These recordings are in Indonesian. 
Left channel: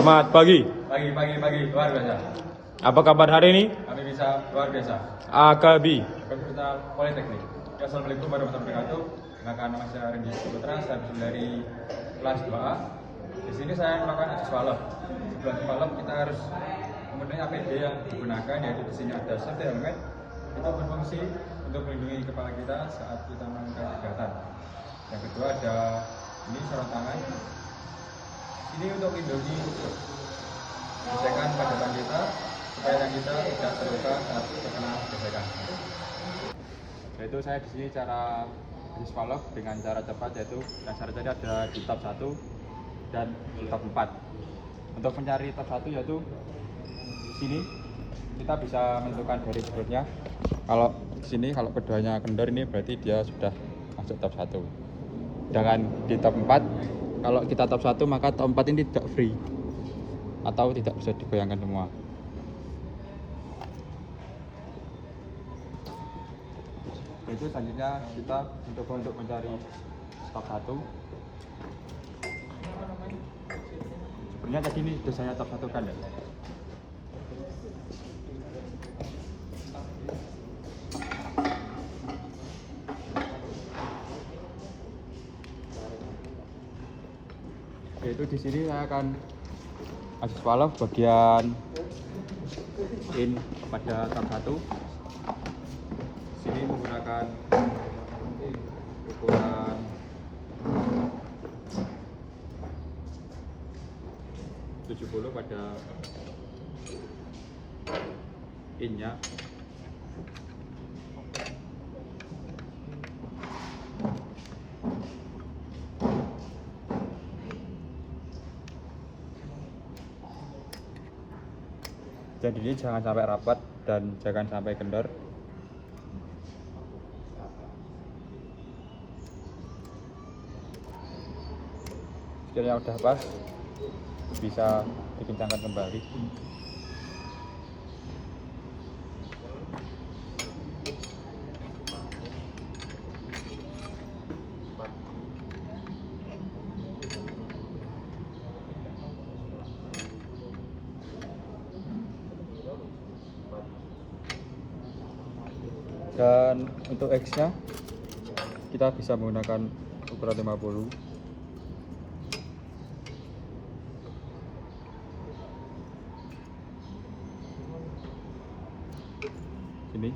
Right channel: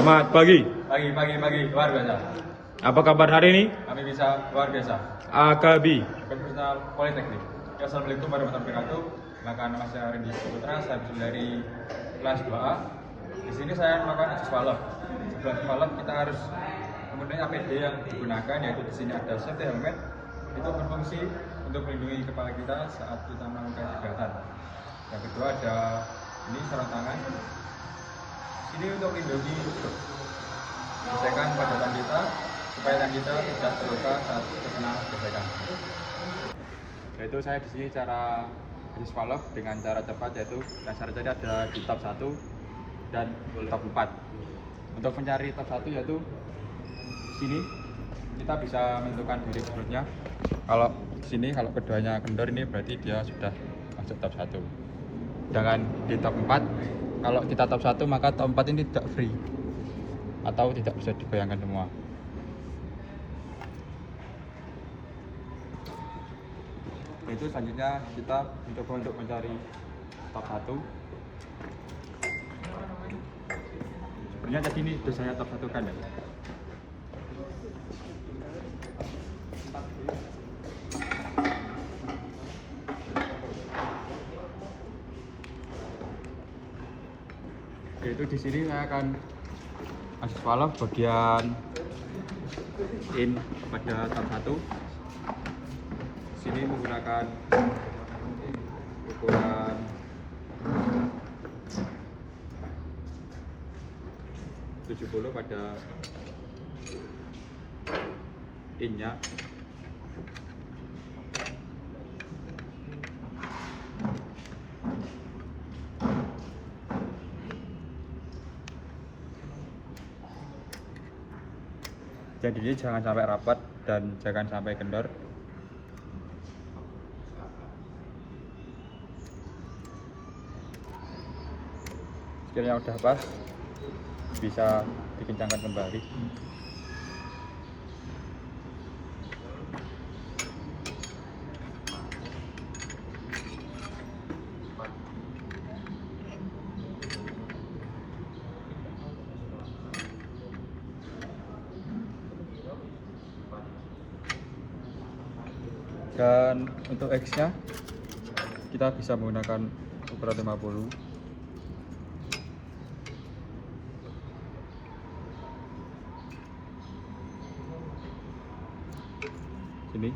Selamat pagi. Pagi, luar biasa. Apa kabar hari ini? Kami bisa luar biasa. AKB. Universitas Politeknik. Ya, Assalamualaikum warahmatullahi wabarakatuh. Maka nama saya Rendy Putra, saya berasal dari kelas 2A. Di sini saya melakukan uji swallow. Sebelum swallow kita harus mempunyai APD yang digunakan, yaitu di sini ada safety helmet. Itu berfungsi untuk melindungi kepala kita saat kita melakukan kegiatan. Yang kedua ada ini sarung tangan. Ini untuk melindungi gesekan pada tangan kita supaya tangan kita tidak terluka saat terkena gesekan. Yaitu saya di sini cara uji swallow dengan cara cepat, yaitu dan syaratnya ada di tab 1 dan di tab 4. Untuk mencari tab 1 yaitu di sini kita bisa menentukan garis garisnya. Kalau di sini kalau keduanya kendor ini berarti dia sudah masuk tab 1. Jangan di tab 4. Kalau kita tab 1 maka tab 4 ini tidak free atau tidak bisa digoyangkan semua. Itu selanjutnya kita mencoba untuk mencari tab 1. Sebenarnya tadi ini sudah saya tab 1 kan ya. Yaitu di sini saya akan uji swallow bagian in pada tab 1. Sini menggunakan ukuran 70 pada in-nya. Jadi ini jangan sampai rapat dan jangan sampai kendor. Sekiranya udah pas, bisa dikencangkan kembali. Dan untuk X-nya kita bisa menggunakan ukuran 50. Ini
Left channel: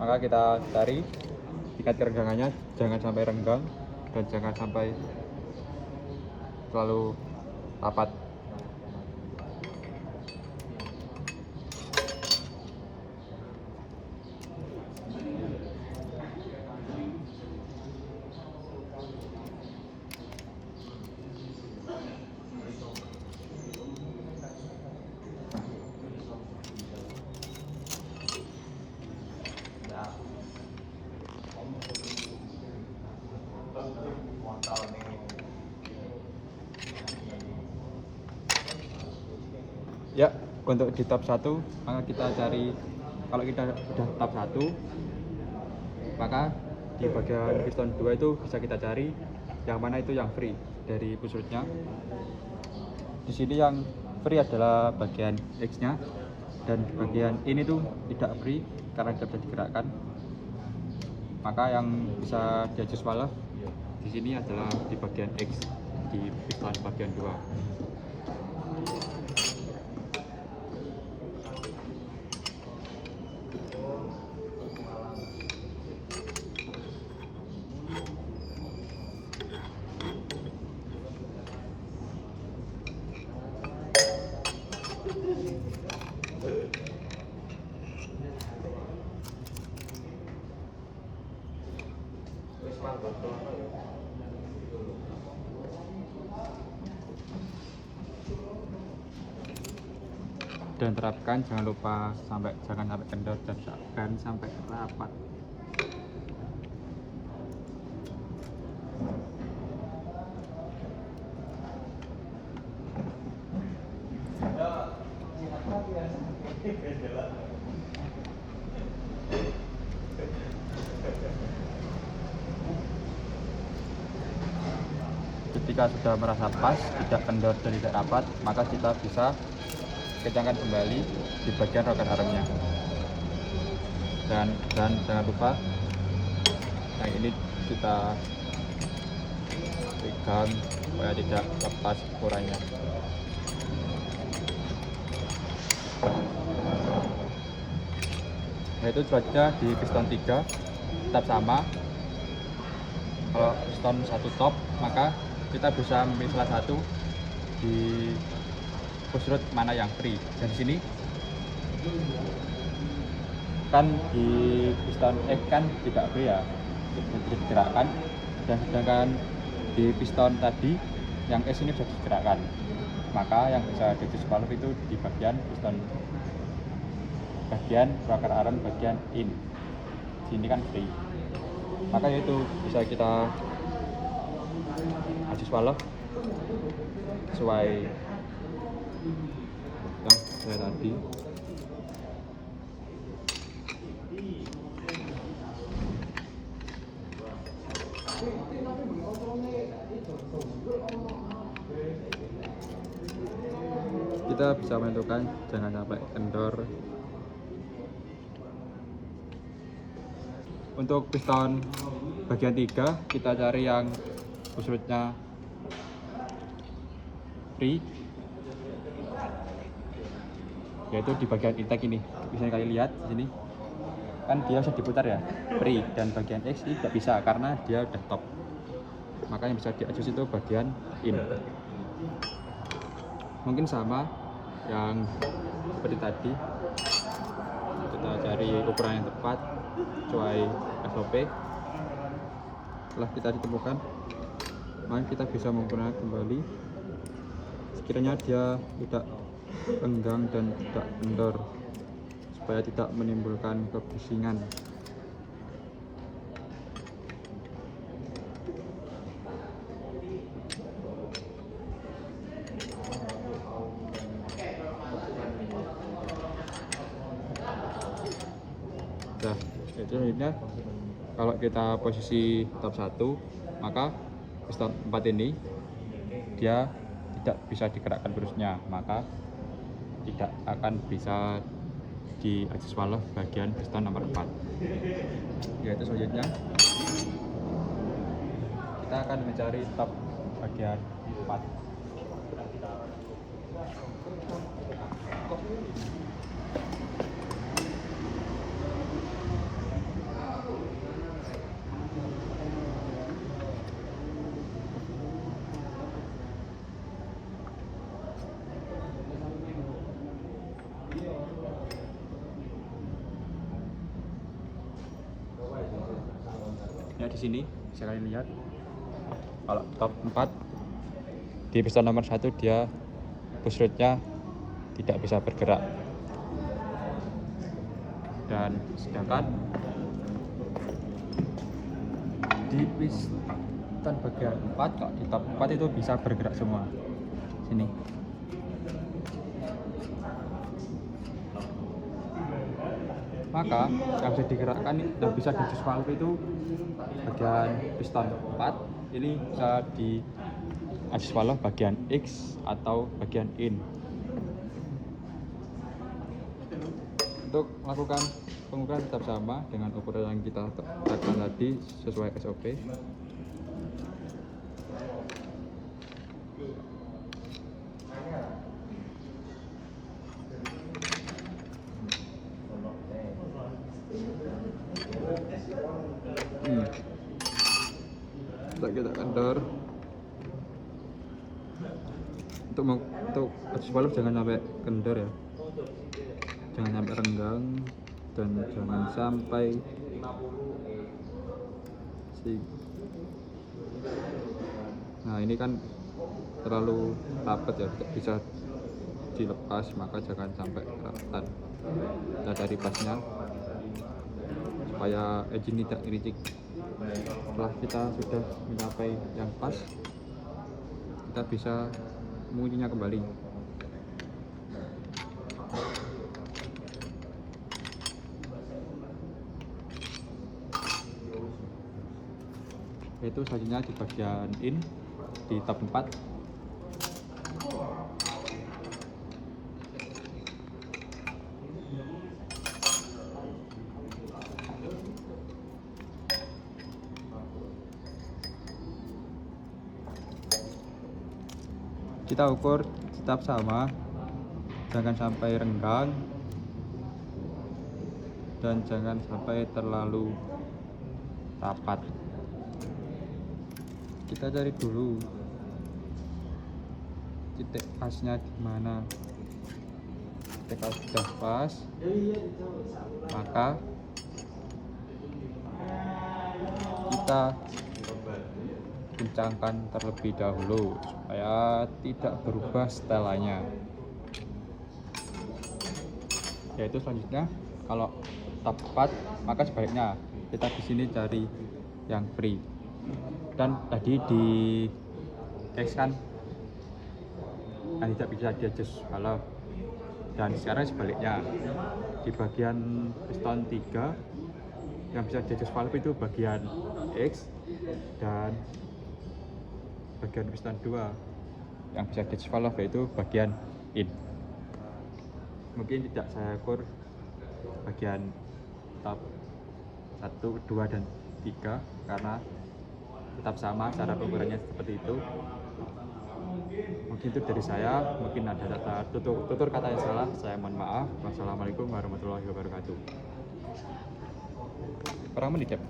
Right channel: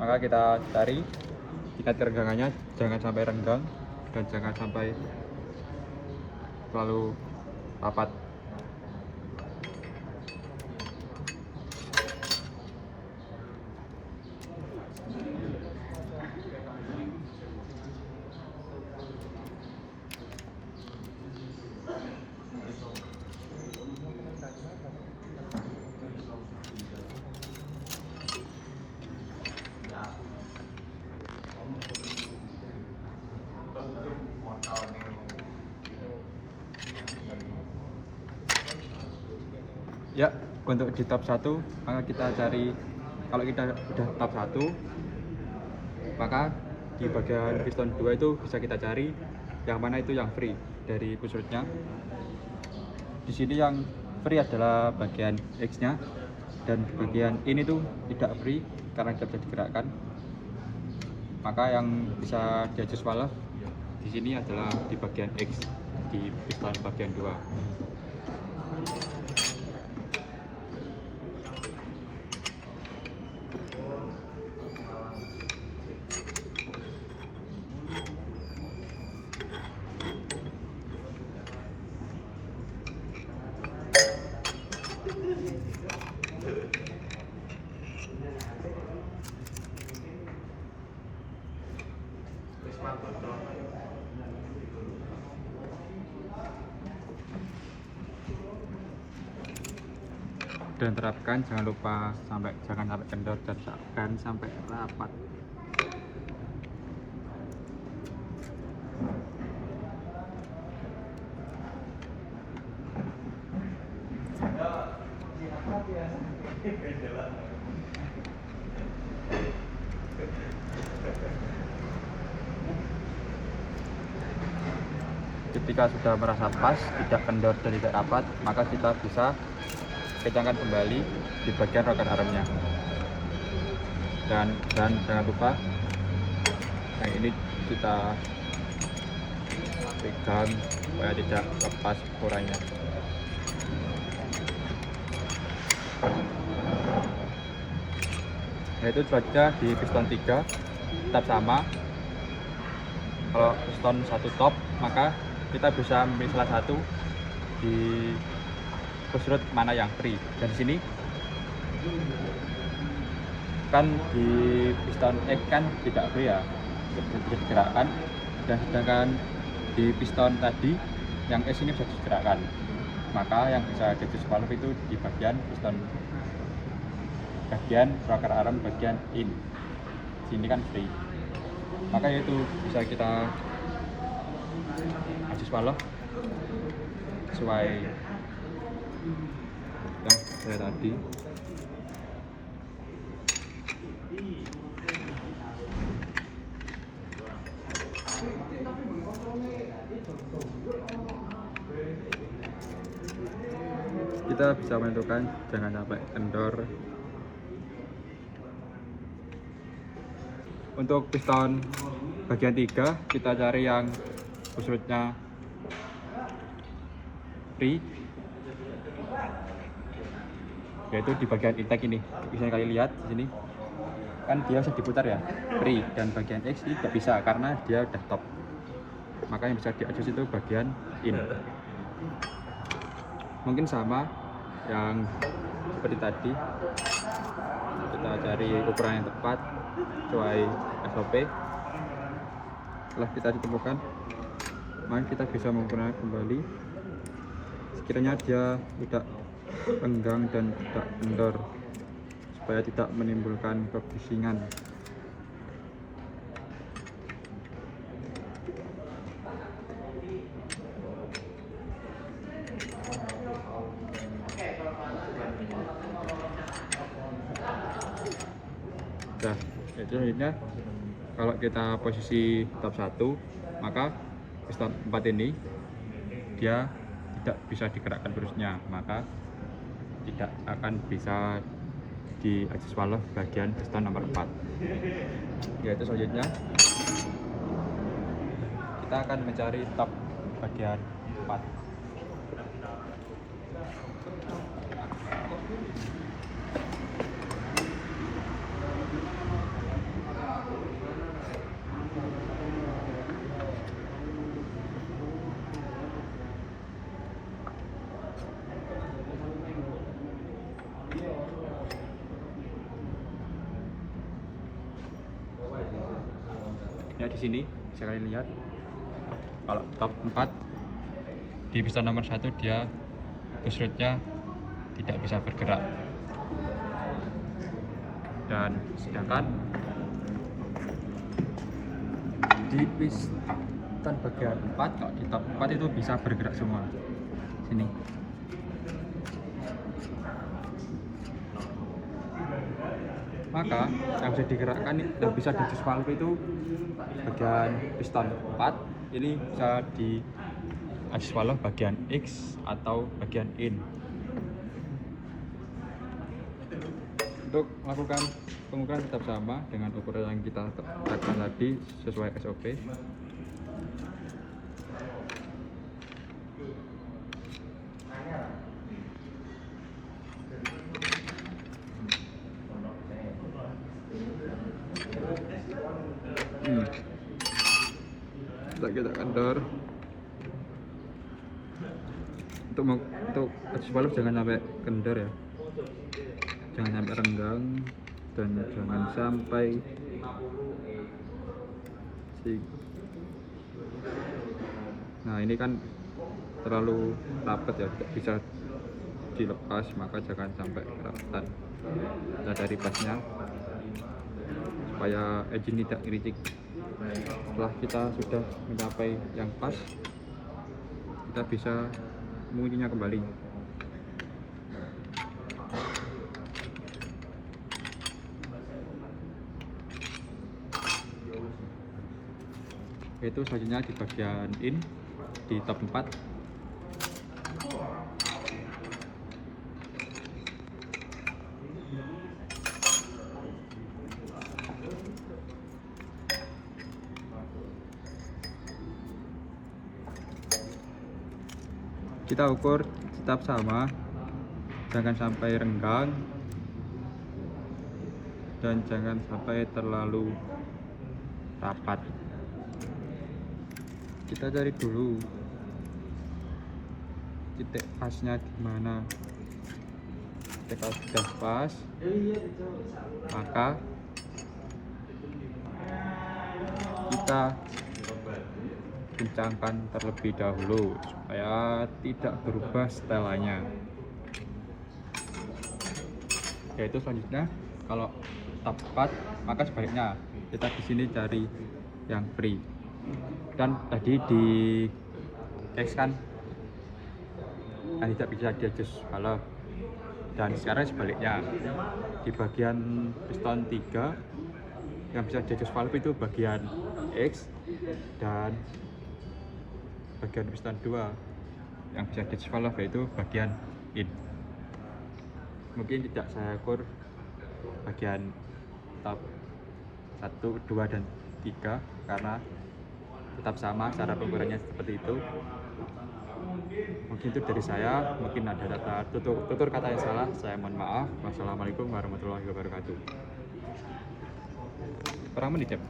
maka kita cari tingkat kerenggangannya, jangan sampai renggang dan jangan sampai terlalu rapat. Ya, untuk di tab 1 maka kita cari, kalau kita sudah tab 1 maka di bagian piston 2 itu bisa kita cari yang mana itu yang free dari pusatnya. Di sini yang free adalah bagian X-nya, dan di bagian ini tuh tidak free karena tidak bisa digerakkan. Maka yang bisa diuji swallow di sini adalah di bagian X di piston bagian 2. Dan terapkan, jangan lupa jangan sampai kendor dan jangan sampai rapat. Ketika sudah merasa pas, tidak kendor dan tidak rapat, maka kita bisa kencangkan kembali di bagian rocker armnya. Dan jangan lupa, yang ini kita pegang supaya tidak lepas kurangnya. Nah, itu juga di piston 3 tetap sama. Kalau piston 1 top, maka kita bisa memilih salah satu di push rod mana yang free. Dan di sini kan di piston X kan tidak free ya, tidak digerakkan, dan sedangkan di piston tadi yang S ini bisa digerakkan, maka yang bisa jadi valve itu di bagian piston, bagian rocker arm bagian in, sini kan free, maka itu bisa kita adjust valve sesuai tadi. Kita bisa menentukan jangan sampai kendor. Untuk piston bagian 3 kita cari yang push rodnya free, yaitu di bagian intake ini. Bisa kalian lihat di sini kan dia bisa diputar ya, free, dan bagian X ini tidak bisa karena dia udah top, maka yang bisa diadjust itu bagian in. Mungkin sama yang seperti tadi, kita cari ukuran yang tepat sesuai SOP. Setelah kita ditemukan, maka kita bisa menggunakan kembali sekiranya dia tidak renggang dan tidak kendor, supaya tidak menimbulkan kebisingan. Nah, itu selanjutnya kalau kita posisi top 1, maka piston 4 ini dia tidak bisa digerakkan terusnya, maka tidak akan bisa di adjust valve bagian piston nomor 4. Yaitu selanjutnya kita akan mencari top bagian 4. Ya, di sini bisa kalian lihat kalau top 4 di piston nomor 1 dia push rodnya tidak bisa bergerak, dan sedangkan di piston bagian 4, kalau di top 4 itu bisa bergerak semua. Sini maka yang bisa digerakkan dan bisa di adjust valve itu bagian piston 4 ini bisa di adjust valve bagian X atau bagian in. Untuk melakukan pengukuran tetap sama dengan ukuran yang kita tetapkan tadi sesuai SOP. Kita kendor. Untuk adjust valve jangan sampai kendor ya, jangan sampai renggang, dan jangan sampai nah ini kan terlalu rapat ya, tidak bisa dilepas, maka jangan sampai rapatan. Kita dari pasnya supaya engine tidak ngericik. Setelah kita sudah mencapai yang pas, kita bisa menguncinya kembali. Yaitu selanjutnya di bagian in di top 4. Kita ukur tetap sama, jangan sampai renggang dan jangan sampai terlalu rapat. Kita cari dulu titik pasnya di mana. Ketika sudah pas, maka kita kencangkan terlebih dahulu supaya tidak berubah setelannya. Yaitu selanjutnya kalau top 4, maka sebaiknya kita di sini cari yang free. Dan tadi di case kan tidak bisa di adjust valve, dan sekarang sebaliknya di bagian piston 3 yang bisa di adjust valve itu bagian X, dan bagian piston 2 yang bisa di adjust valve yaitu bagian in. Mungkin tidak saya ukur bagian top 1, 2, dan 3 karena tetap sama cara pengukurannya seperti itu. Mungkin itu dari saya, mungkin ada tutur kata yang salah, saya mohon maaf. Wassalamualaikum warahmatullahi wabarakatuh. Berapa menit ya?